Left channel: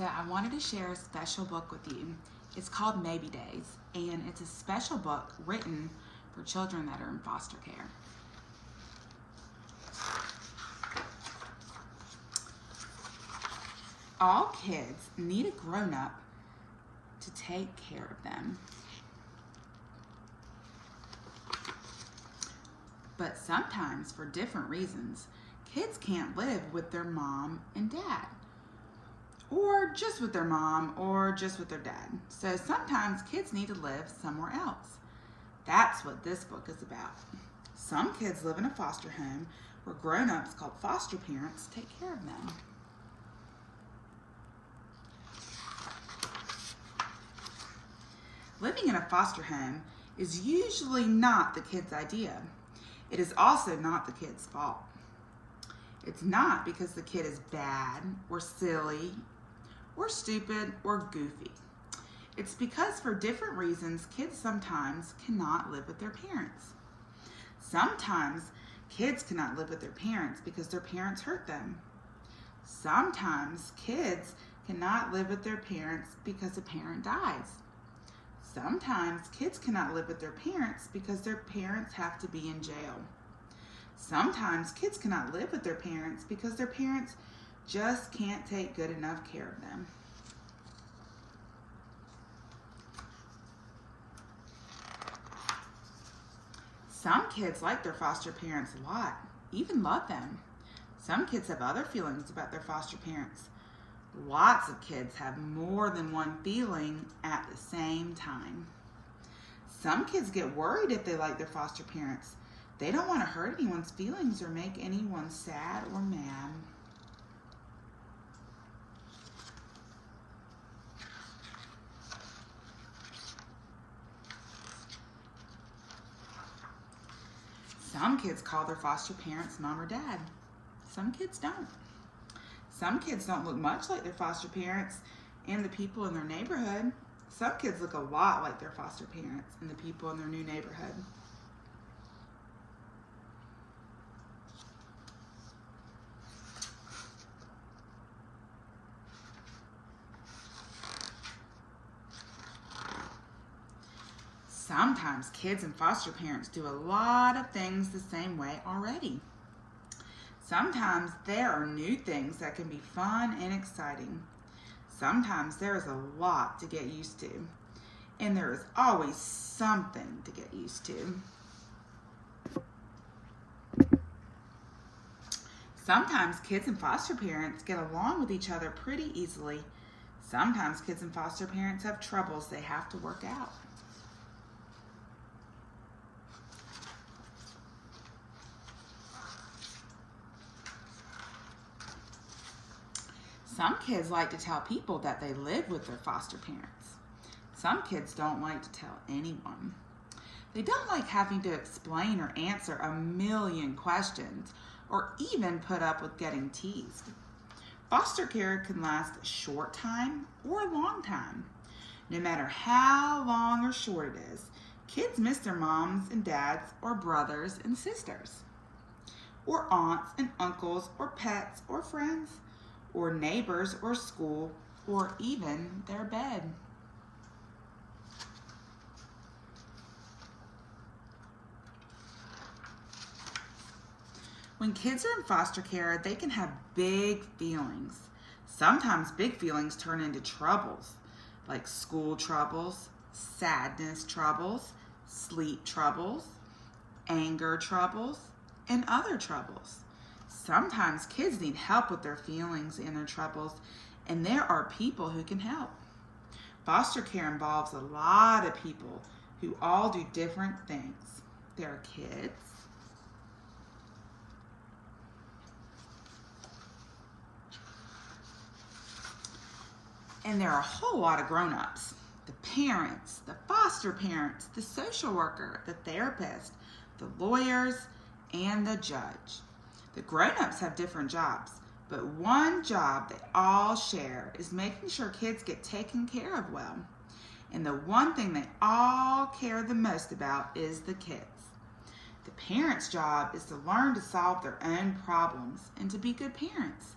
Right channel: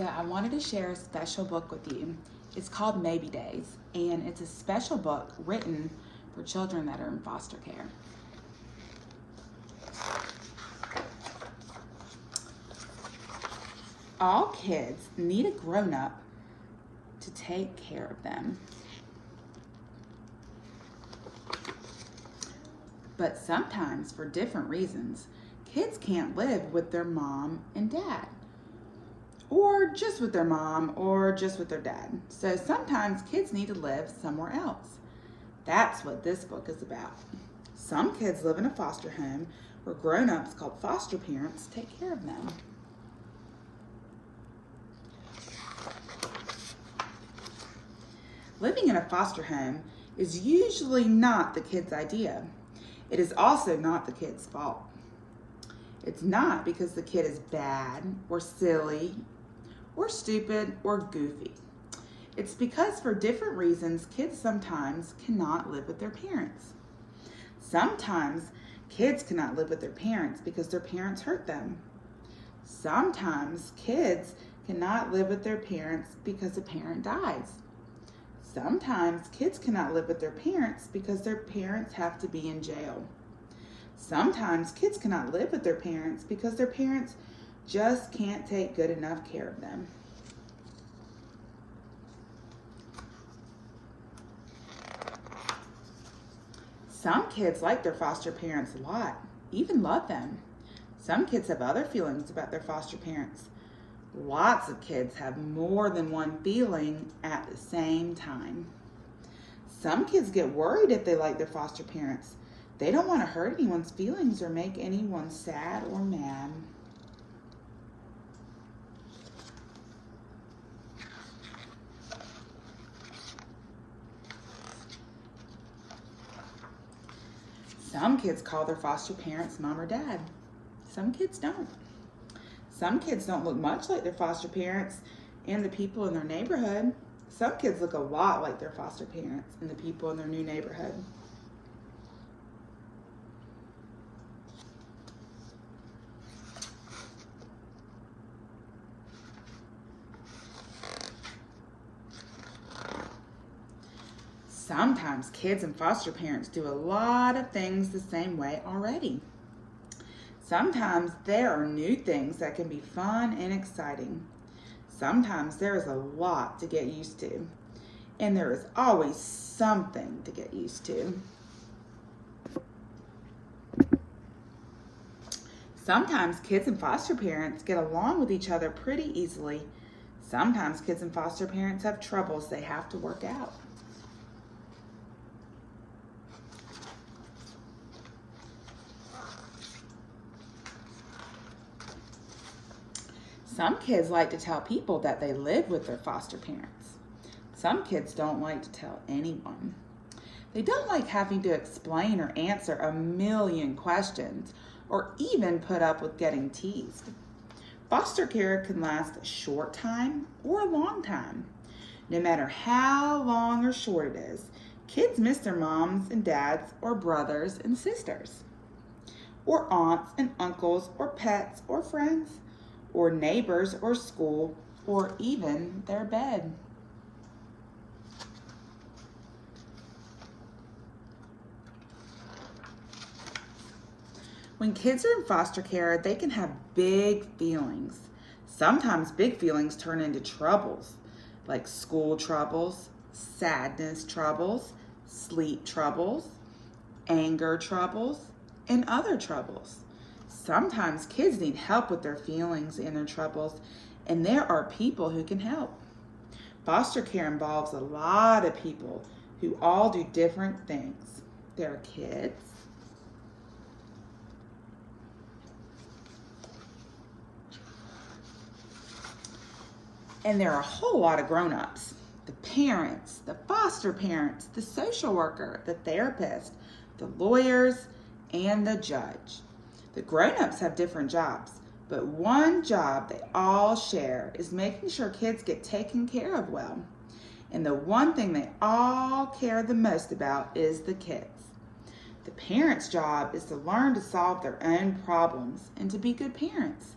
So I wanted to share a special book with you. It's called Maybe Days, and it's a special book written for children that are in foster care. All kids need a grown-up to take care of them. But sometimes, for different reasons, kids can't live with their mom and dad, or just with their mom, or just with their dad. So sometimes kids need to live somewhere else. That's what this book is about. Some kids live in a foster home where grown-ups called foster parents take care of them. Living in a foster home is usually not the kid's idea. It is also not the kid's fault. It's not because the kid is bad or silly or stupid or goofy. It's because for different reasons, kids sometimes cannot live with their parents. Sometimes kids cannot live with their parents because their parents hurt them. Sometimes kids cannot live with their parents because a parent dies. Sometimes kids cannot live with their parents because their parents have to be in jail. Sometimes kids cannot live with their parents because their parents just can't take good enough care of them. Some kids like their foster parents a lot, even love them. Some kids have other feelings about their foster parents. Lots of kids have more than one feeling at the same time. Some kids get worried if they like their foster parents. They don't want to hurt anyone's feelings or make anyone sad or mad. Some kids call their foster parents mom or dad. Some kids don't. Some kids don't look much like their foster parents and the people in their neighborhood. Some kids look a lot like their foster parents and the people in their new neighborhood. Sometimes kids and foster parents do a lot of things the same way already. Sometimes there are new things that can be fun and exciting. Sometimes there is a lot to get used to, and there is always something to get used to. Sometimes kids and foster parents get along with each other pretty easily. Sometimes kids and foster parents have troubles they have to work out. Some kids like to tell people that they live with their foster parents. Some kids don't like to tell anyone. They don't like having to explain or answer a million questions or even put up with getting teased. Foster care can last a short time or a long time. No matter how long or short it is, kids miss their moms and dads or brothers and sisters, or aunts and uncles or pets or friends, or neighbors, or school, or even their bed. When kids are in foster care, they can have big feelings. Sometimes big feelings turn into troubles, like school troubles, sadness troubles, sleep troubles, anger troubles, and other troubles. Sometimes kids need help with their feelings and their troubles, and there are people who can help. Foster care involves a lot of people who all do different things. There are kids, and there are a whole lot of grown-ups. The parents, the foster parents, the social worker, the therapist, the lawyers, and the judge. The grown-ups have different jobs, but one job they all share is making sure kids get taken care of well. And the one thing they all care the most about is the kids. The parents' job is to learn to solve their own problems and to be good parents.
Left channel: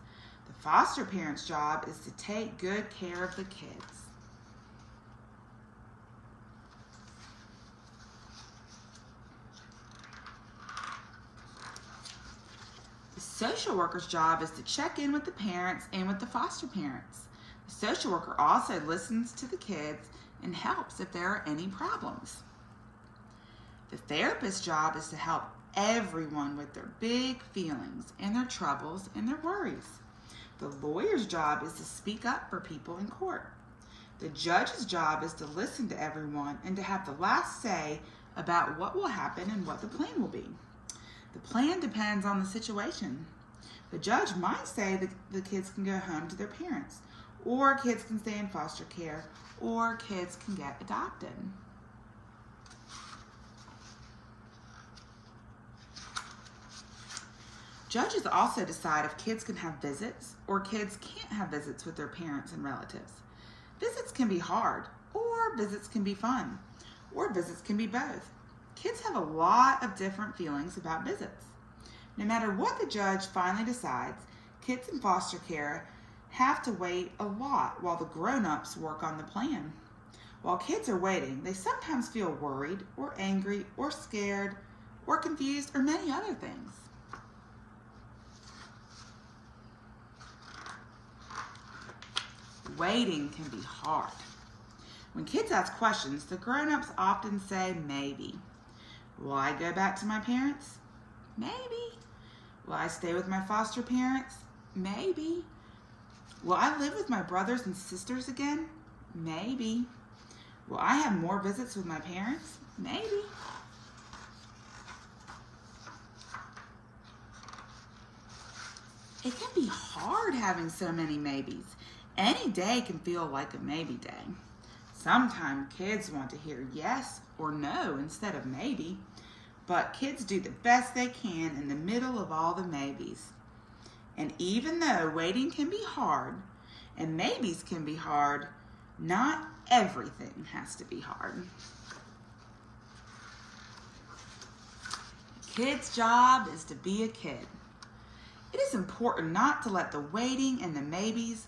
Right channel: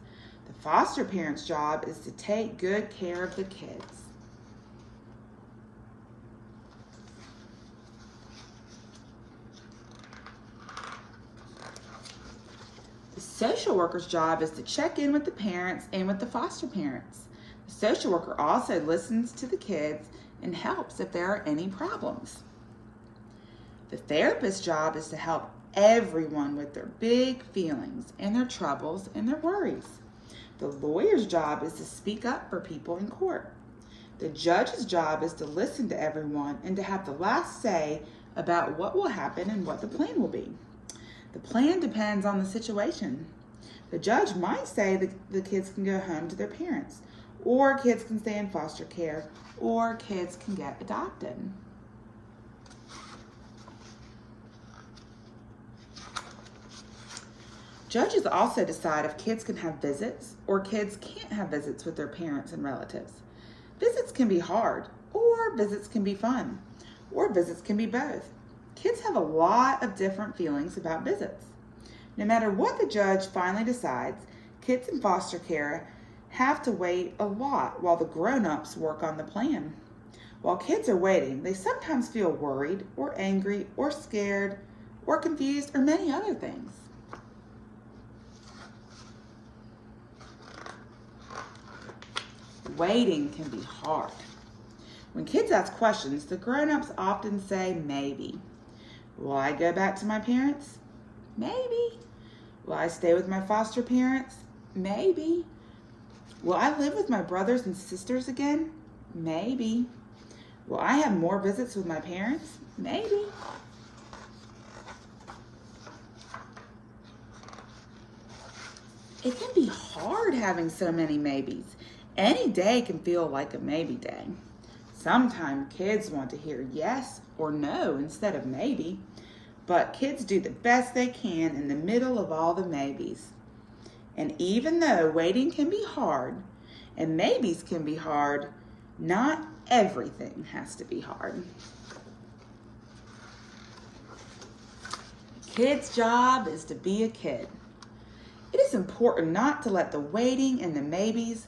The Foster parents' job is to take good care of the kids. The social worker's job is to check in with the parents and with the foster parents. The social worker also listens to the kids and helps if there are any problems. The therapist's job is to help everyone with their big feelings and their troubles and their worries. The lawyer's job is to speak up for people in court. The judge's job is to listen to everyone and to have the last say about what will happen and what the plan will be. The plan depends on the situation. The judge might say that the kids can go home to their parents, or kids can stay in foster care, or kids can get adopted. Judges also decide if kids can have visits or kids can't have visits with their parents and relatives. Visits can be hard, or visits can be fun, or visits can be both. Kids have a lot of different feelings about visits. No matter what the judge finally decides, kids in foster care have to wait a lot while the grown-ups work on the plan. While kids are waiting, they sometimes feel worried or angry or scared or confused or many other things. Waiting can be hard. When kids ask questions, the grown-ups often say maybe. Will I go back to my parents? Maybe. Will I stay with my foster parents? Maybe. Will I live with my brothers and sisters again? Maybe. Will I have more visits with my parents? Maybe. It can be hard having so many maybes. Any day can feel like a maybe day. Sometimes kids want to hear yes or no instead of maybe, but kids do the best they can in the middle of all the maybes. And even though waiting can be hard and maybes can be hard, not everything has to be hard. Kid's job is to be a kid. It is important not to let the waiting and the maybes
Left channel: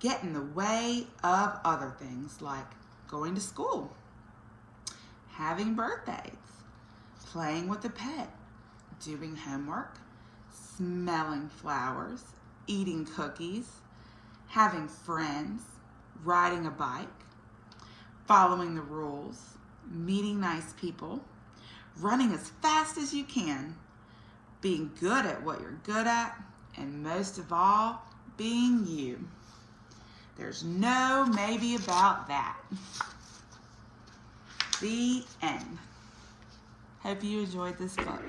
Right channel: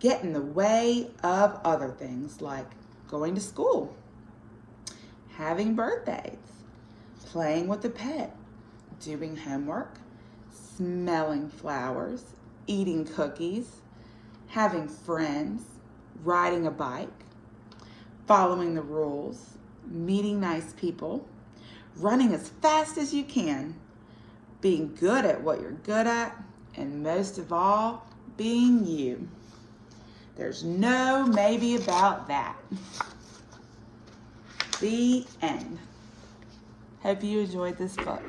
get in the way of other things like going to school, having birthdays, playing with a pet, doing homework, smelling flowers, eating cookies, having friends, riding a bike, following the rules, meeting nice people, running as fast as you can, being good at what you're good at, and most of all, being you. There's no maybe about that. The end. Hope you enjoyed this book.